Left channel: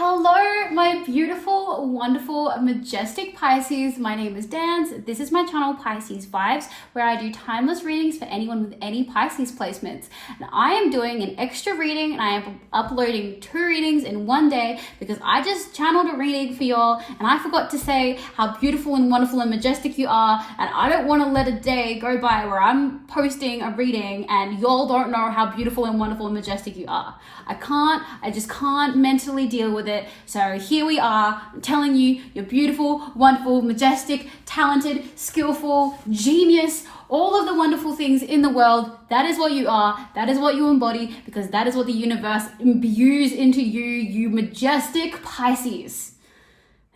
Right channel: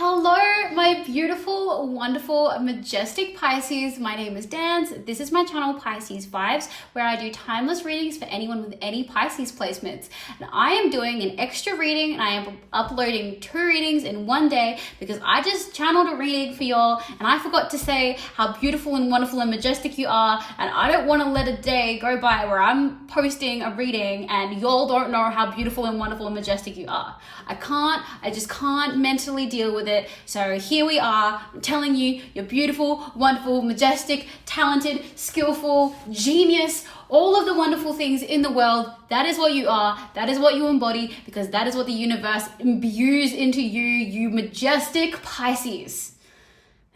Hello, my beautiful, wonderful, majestic Pisces. My name is Dan. This is my channel, Pisces Vibes, where I do timeless readings for anyone with any Pisces placements. And I am doing an extra reading, and I am uploading 2 readings in one day because I just channeled a reading for y'all, and I forgot to say how beautiful and wonderful and majestic you are, and I don't want to let a day go by where I'm posting a reading and y'all don't know how beautiful and wonderful and majestic you are. I just can't mentally deal with it. So here we are, I'm telling you, you're beautiful, wonderful, majestic, talented, skillful, genius, all of the wonderful things in the world. That is what you are. That is what you embody, because that is what the universe imbues into you, you majestic Pisces.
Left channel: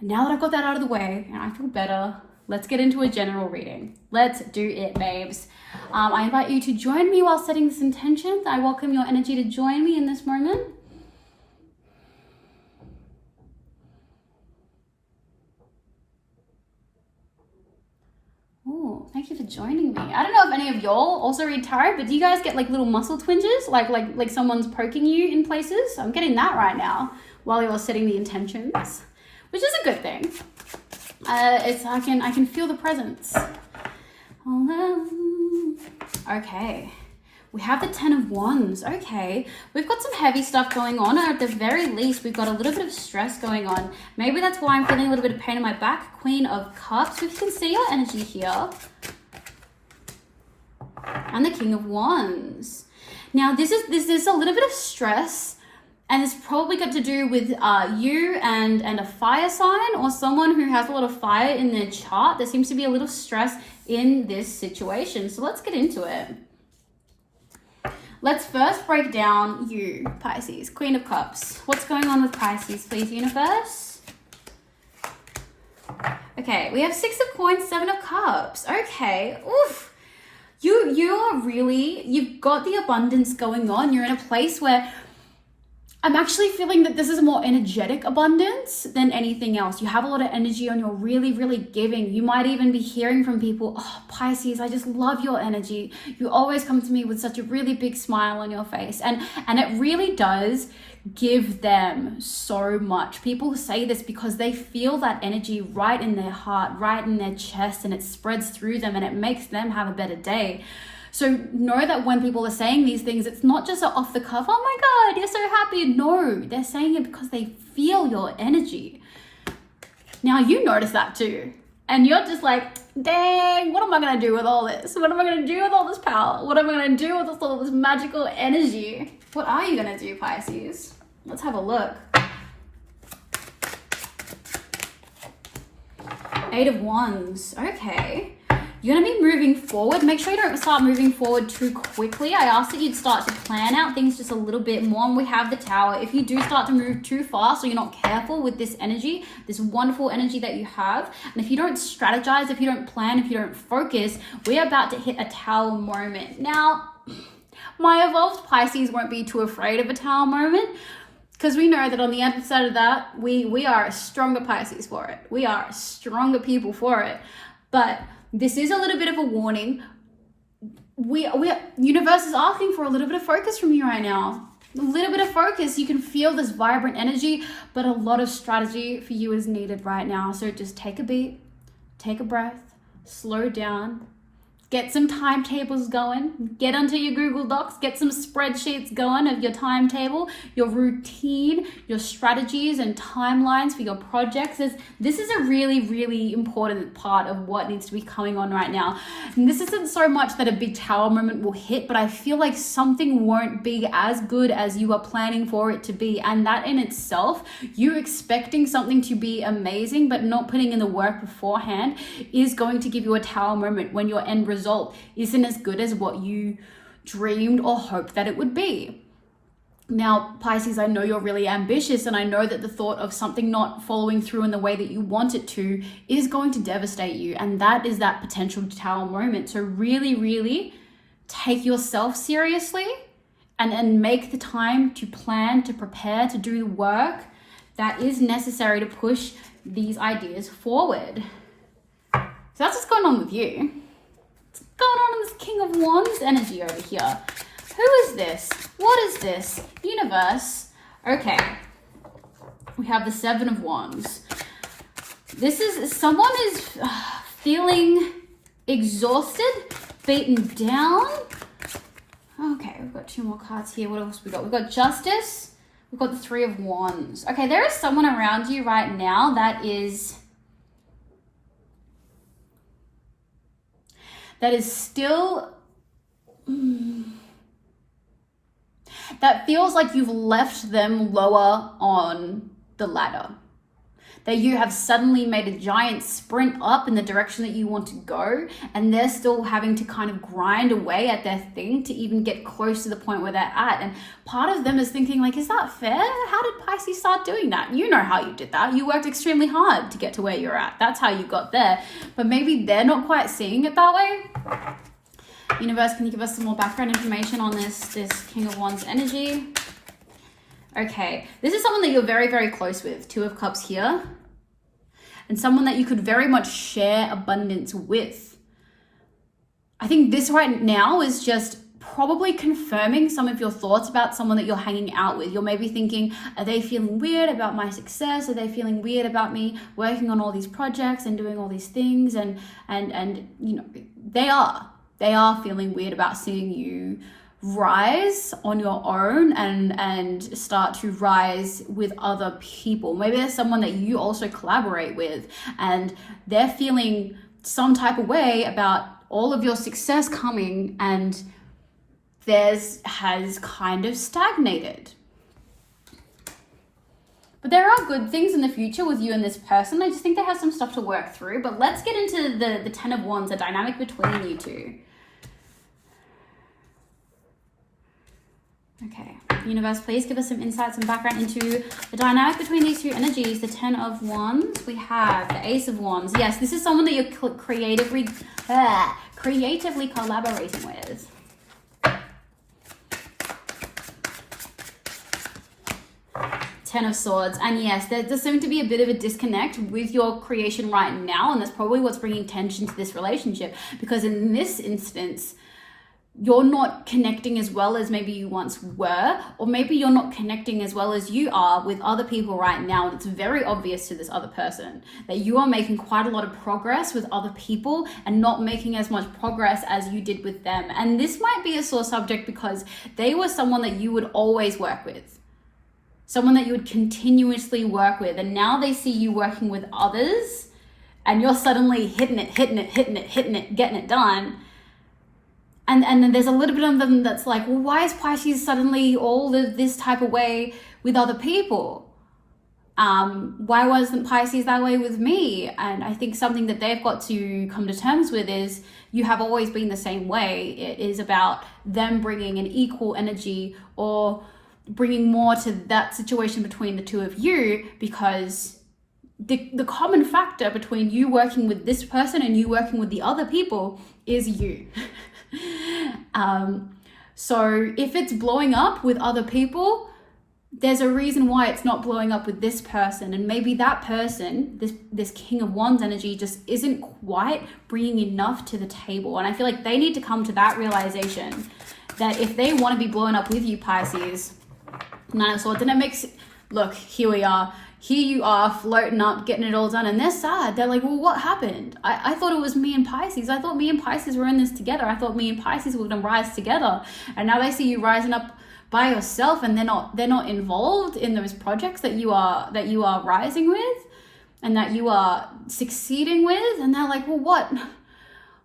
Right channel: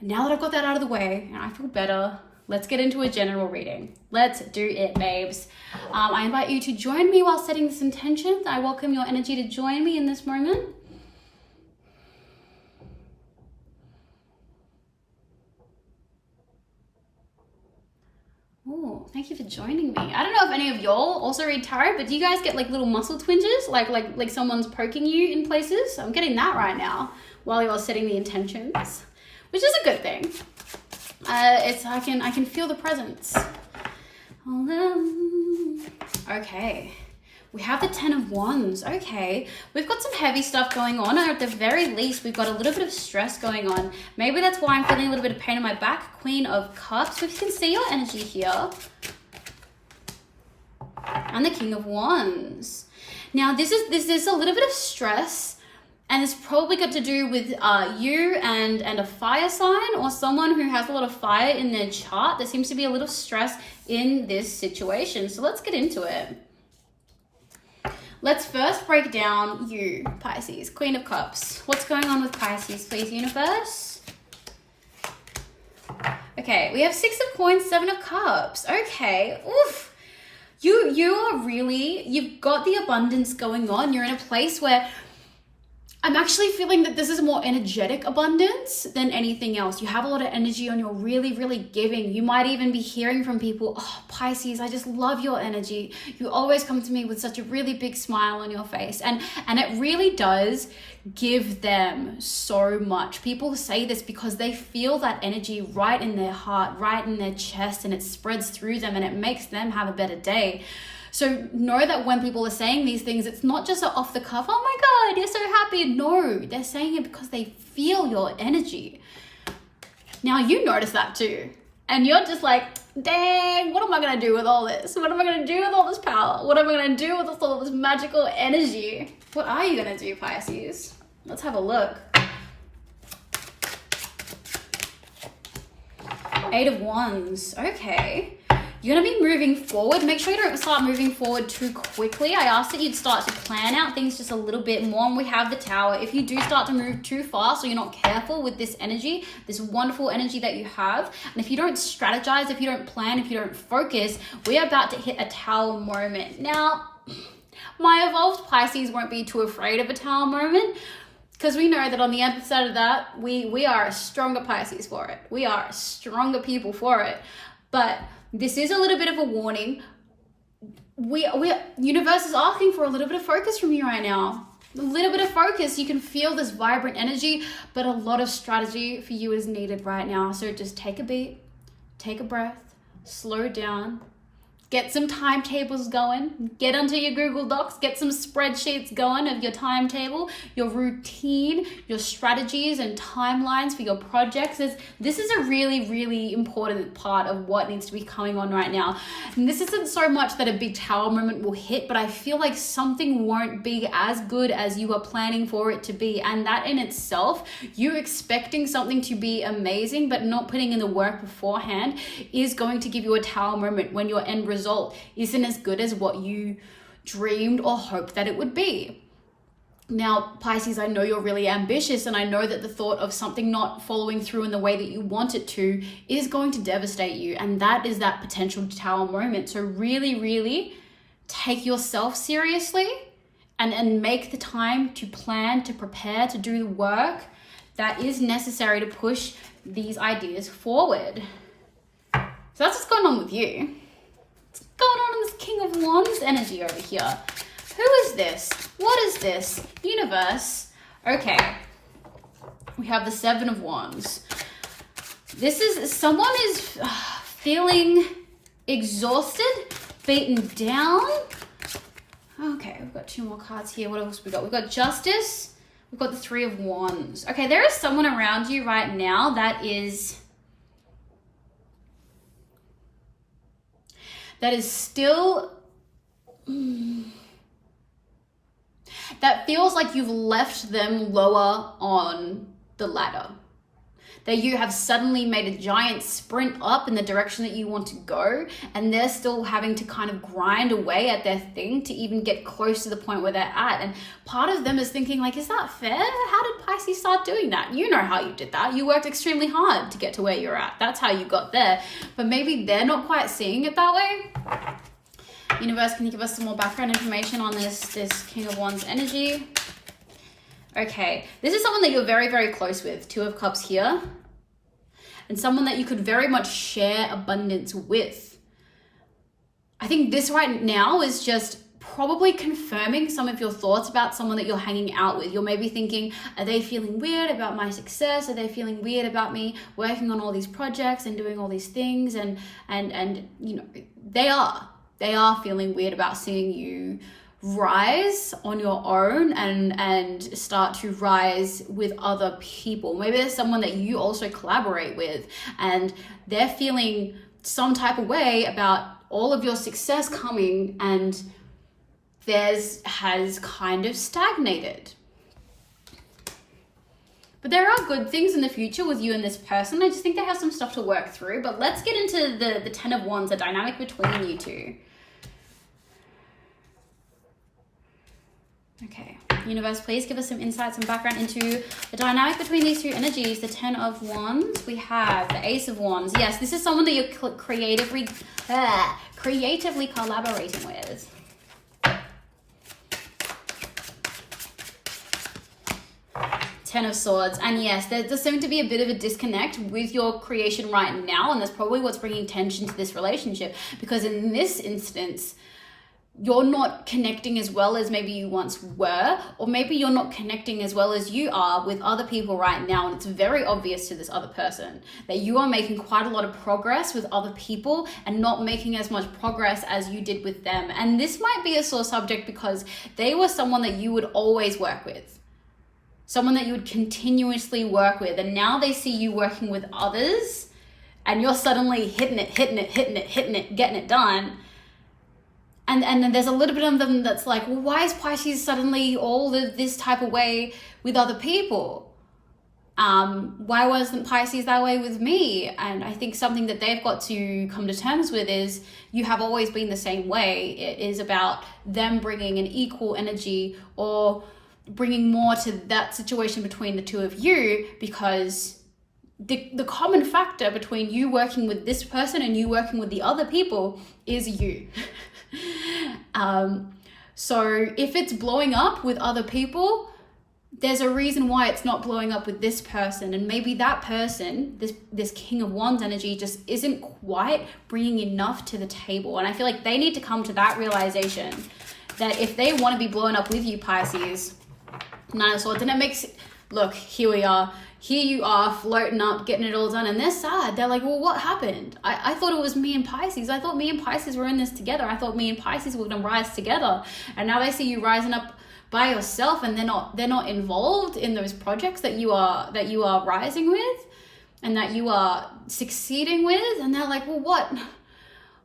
And now that I've got that out of the way and I feel better, let's get into a general reading. Let's do it, babes. I invite you to join me while setting this intention. I welcome your energy to join me in this moment. Oh, thank you for joining me. I don't know if any of y'all also read tarot, but do you guys get like little muscle twinges, like someone's poking you in places? I'm getting that right now while you're setting the intentions, which is a good thing. I can feel the presence. Okay, we have the 10 of Wands. Okay, we've got some heavy stuff going on, or at the very least, we've got a little bit of stress going on. Maybe that's why I'm feeling a little bit of pain in my back. Queen of Cups. We can see your energy here. And the King of Wands. Now, this is a little bit of stress, and it's probably got to do with you and a fire sign, or someone who has a lot of fire in their chart. There seems to be a little stress in this situation. So let's get into it. Let's first break down you, Pisces, Queen of Cups. What's going on with Pisces, please, universe? Okay, we have 6 of Coins, 7 of Cups. Okay, oof. You've got the abundance going on. You're in a place where I'm actually feeling that this is a more energetic abundance than anything else. You have a lot of energy and you're really, really giving. You might even be hearing from people, oh, Pisces, I just love your energy. You always come to me with such a really big smile on your face. And it really does give them so much. People say this because they feel that energy right in their heart, right in their chest, and it spreads through them and it makes them have a better day. So know that when people are saying these things, it's not just off the cuff, oh my God, you're so happy. No, they're saying it because they feel your energy. Now you notice that too. And you're just like, dang, what am I going to do with all this? What am I going to do with all this power? What am I going to do with all this magical energy? What are you going to do, Pisces? Let's have a look. 8 of Wands. Okay. You're going to be moving forward. Make sure you don't start moving forward too quickly. I ask that you'd start to plan out things just a little bit more. And we have the Tower. If you do start to move too fast or you're not careful with this energy, this wonderful energy that you have, and if you don't strategize, if you don't plan, if you don't focus, we're about to hit a Tower moment. Now, my evolved Pisces won't be too afraid of a Tower moment, because we know that on the other side of that, we are a stronger Pisces for it. We are stronger people for it. But this is a little bit of a warning. Universe is asking for a little bit of focus from you right now. A little bit of focus. You can feel this vibrant energy, but a lot of strategy for you is needed right now. So just take a beat, take a breath, slow down, get some timetables going, get onto your Google Docs, get some spreadsheets going of your timetable, your routine, your strategies and timelines for your projects. This is a really, really important part of what needs to be going on right now. And this isn't so much that a big Tower moment will hit, but I feel like something won't be as good as you are planning for it to be. And that in itself, you expecting something to be amazing, but not putting in the work beforehand, is going to give you a Tower moment when your end result isn't as good as what you dreamed or hoped that it would be. Now, Pisces, I know you're really ambitious, and I know that the thought of something not following through in the way that you want it to is going to devastate you, and that is that potential Tower moment. So really, really take yourself seriously and make the time to plan, to prepare, to do the work that is necessary to push these ideas forward. So that's what's going on with you. Going on in this King of Wands energy over here. Who is this? What is this? Universe. Okay. We have the Seven of Wands. This is, someone is feeling exhausted, beaten down. Okay, we've got 2 more cards here. What else we got? We've got Justice. We've got the Three of Wands. Okay, there is someone around you right now that is still, that feels like you've left them lower on the ladder. That you have suddenly made a giant sprint up in the direction that you want to go, and they're still having to kind of grind away at their thing to even get close to the point where they're at. And part of them is thinking like, is that fair? How did Pisces start doing that? You know how you did that. You worked extremely hard to get to where you're at. That's how you got there. But maybe they're not quite seeing it that way. Universe, can you give us some more background information on this King of Wands energy? Okay, this is someone that you're very, very close with. 2 of Cups here. And someone that you could very much share abundance with. I think this right now is just probably confirming some of your thoughts about someone that you're hanging out with. You're maybe thinking, are they feeling weird about my success? Are they feeling weird about me working on all these projects and doing all these things? And you know, they are feeling weird about seeing you rise on your own and start to rise with other people. Maybe there's someone that you also collaborate with and they're feeling some type of way about all of your success coming and theirs has kind of stagnated. But there are good things in the future with you and this person. I just think they have some stuff to work through. But let's get into the Ten of Wands, the dynamic between you two. Okay, universe, please give us some insights and background into the dynamic between these 2 energies. The 10 of Wands, we have the Ace of Wands. Yes, this is someone that you're creatively collaborating with. 10 of Swords. And yes, there does seem to be a bit of a disconnect with your creation right now, and that's probably what's bringing tension to this relationship, because in this instance, you're not connecting as well as maybe you once were, or maybe you're not connecting as well as you are with other people right now. And it's very obvious to this other person that you are making quite a lot of progress with other people and not making as much progress as you did with them. And this might be a sore subject because they were someone that you would always work with, someone that you would continuously work with. And now they see you working with others and you're suddenly hitting it, getting it done. And then there's a little bit of them that's like, well, why is Pisces suddenly all of this type of way with other people? Why wasn't Pisces that way with me? And I think something that they've got to come to terms with is you have always been the same way. It is about them bringing an equal energy or bringing more to that situation between the 2 of you, because the common factor between you working with this person and you working with the other people is you. So if it's blowing up with other people, there's a reason why it's not blowing up with this person. And maybe that person, this King of Wands energy, just isn't quite bringing enough to the table. And I feel like they need to come to that realization that if they want to be blown up with you, Pisces, 9 of Swords, then it makes, look, here we are. Here you are floating up, getting it all done, and they're sad. They're like, well, what happened? I thought it was me and Pisces. I thought me and Pisces were in this together. I thought me and Pisces were going to rise together. And now they see you rising up by yourself, and they're not involved in those projects that you are rising with and that you are succeeding with. And they're like, well, what?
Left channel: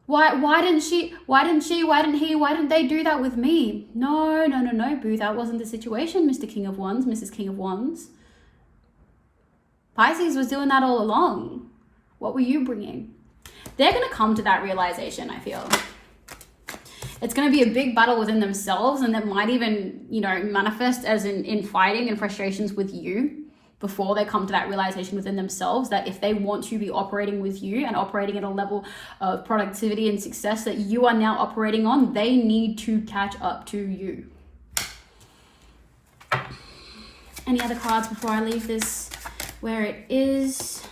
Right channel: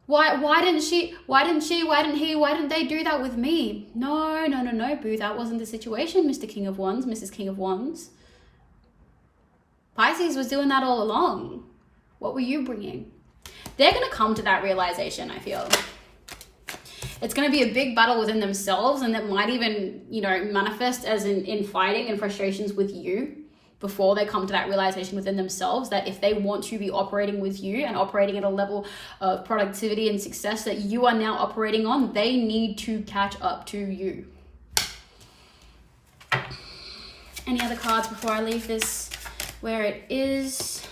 Why didn't she? Why didn't he? Why didn't they do that with me? No, boo. That wasn't the situation, Mr. King of Wands, Mrs. King of Wands. Pisces was doing that all along. What were you bringing? They're going to come to that realization, I feel. It's going to be a big battle within themselves, and that might even, manifest as in fighting and frustrations with you before they come to that realization within themselves that if they want to be operating with you and operating at a level of productivity and success that you are now operating on, they need to catch up to you. Any other cards before I leave this where it is?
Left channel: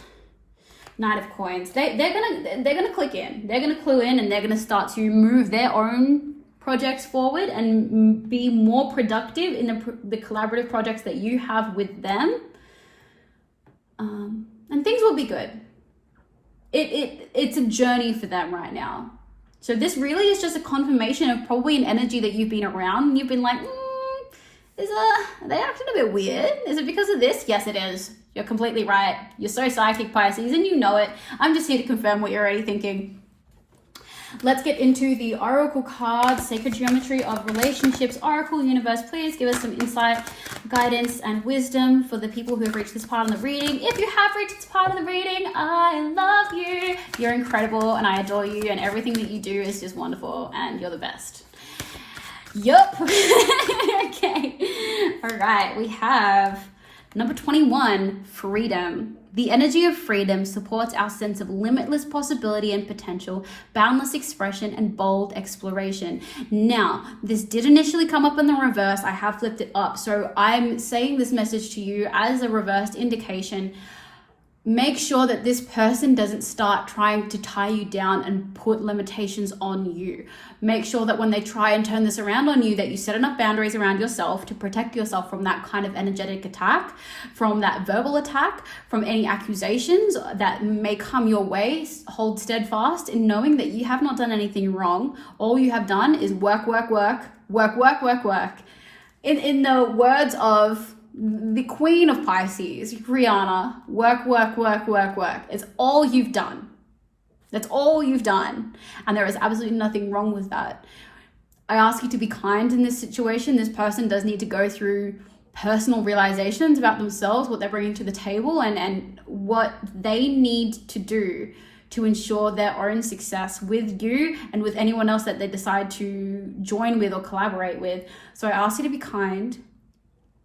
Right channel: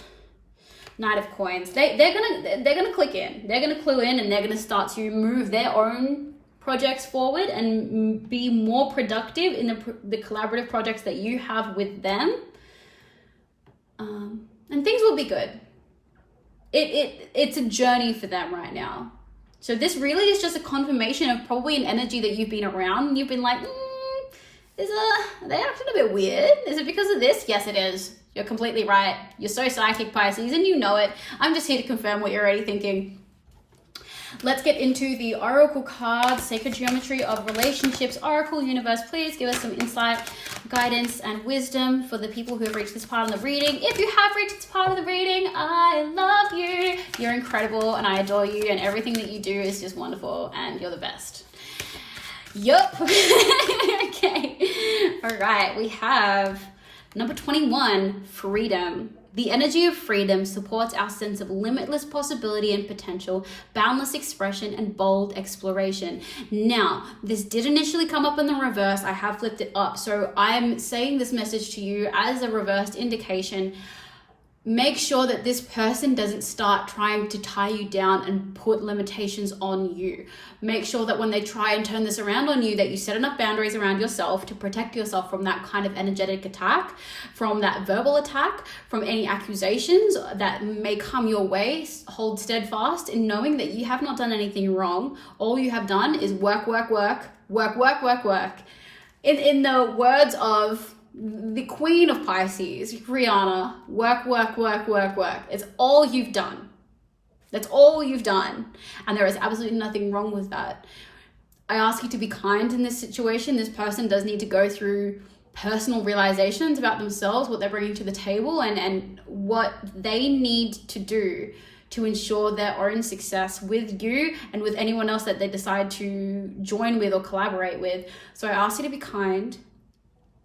Knight of Coins. They're gonna click in. They're gonna clue in, and they're gonna start to move their own projects forward and be more productive in the collaborative projects that you have with them. things will be good. It's a journey for them right now. So this really is just a confirmation of probably an energy that you've been around and you've been like, are they acting a bit weird? Is it because of this? Yes, it is. You're completely right. You're so psychic, Pisces, and you know it. I'm just here to confirm what you're already thinking. Let's get into the Oracle cards, Sacred Geometry of Relationships. Oracle Universe, please give us some insight, guidance, and wisdom for the people who have reached this part of the reading. If you have reached this part of the reading, I love you. You're incredible, and I adore you, and everything that you do is just wonderful, and you're the best. Yup. Okay. All right. We have number 21, freedom. The energy of freedom supports our sense of limitless possibility and potential, boundless expression, and bold exploration. Now, this did initially come up in the reverse. I have flipped it up. So I'm saying this message to you as a reversed indication. Make sure that this person doesn't start trying to tie you down and put limitations on you. Make sure that when they try and turn this around on you, that you set enough boundaries around yourself to protect yourself from that kind of energetic attack, from that verbal attack, from any accusations that may come your way. Hold steadfast in knowing that you have not done anything wrong. All you have done is work. In the words of the Queen of Pisces, Rihanna, work. It's all you've done. That's all you've done. And there is absolutely nothing wrong with that. I ask you to be kind in this situation. This person does need to go through personal realizations about themselves, what they're bringing to the table, and what they need to do to ensure their own success with you and with anyone else that they decide to join with or collaborate with. So I ask you to be kind,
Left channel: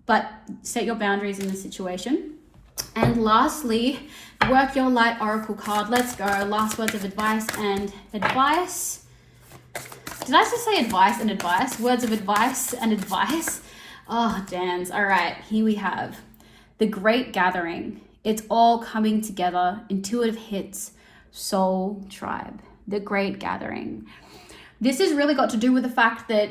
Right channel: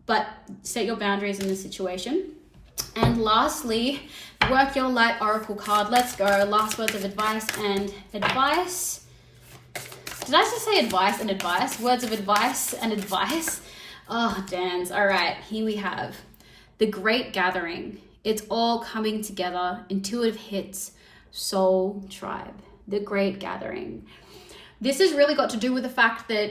but set your boundaries in this situation. And lastly, work your light oracle card. Let's go. Last words of advice and advice. Did I just say advice and advice? Words of advice and advice. Oh, dance. All right, here we have the Great Gathering. It's all coming together. Intuitive hits, soul tribe. The Great Gathering. This has really got to do with the fact that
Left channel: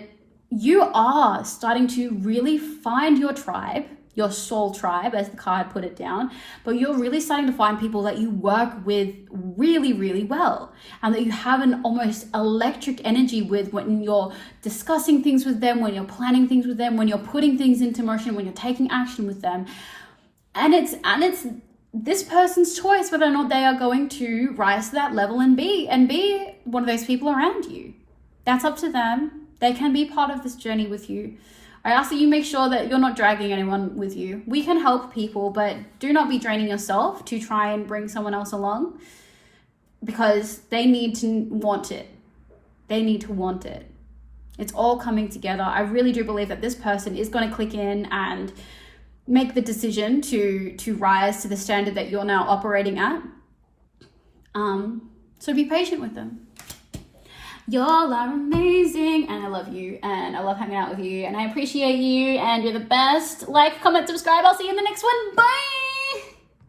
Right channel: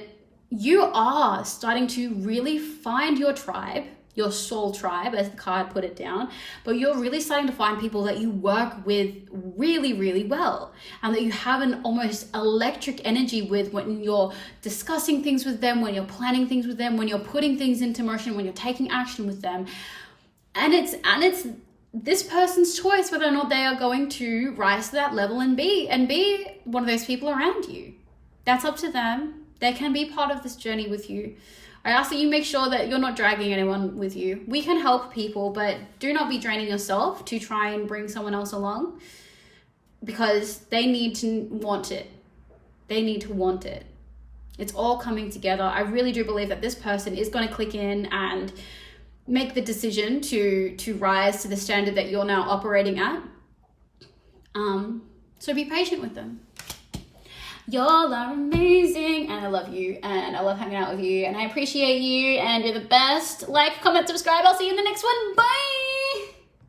you are starting to really find your tribe, your soul tribe, as the card put it down, but you're really starting to find people that you work with really, really well, and that you have an almost electric energy with when you're discussing things with them, when you're planning things with them, when you're putting things into motion, when you're taking action with them. And it's this person's choice whether or not they are going to rise to that level and be one of those people around you. That's up to them. They can be part of this journey with you. I ask that you make sure that you're not dragging anyone with you. We can help people, but do not be draining yourself to try and bring someone else along, because they need to want it. They need to want it. It's all coming together. I really do believe that this person is going to click in and make the decision to rise to the standard that you're now operating at. So be patient with them. Y'all are amazing, and I love you, and I love hanging out with you, and I appreciate you, and you're the best. Like, comment, subscribe. I'll see you in the next one. Bye.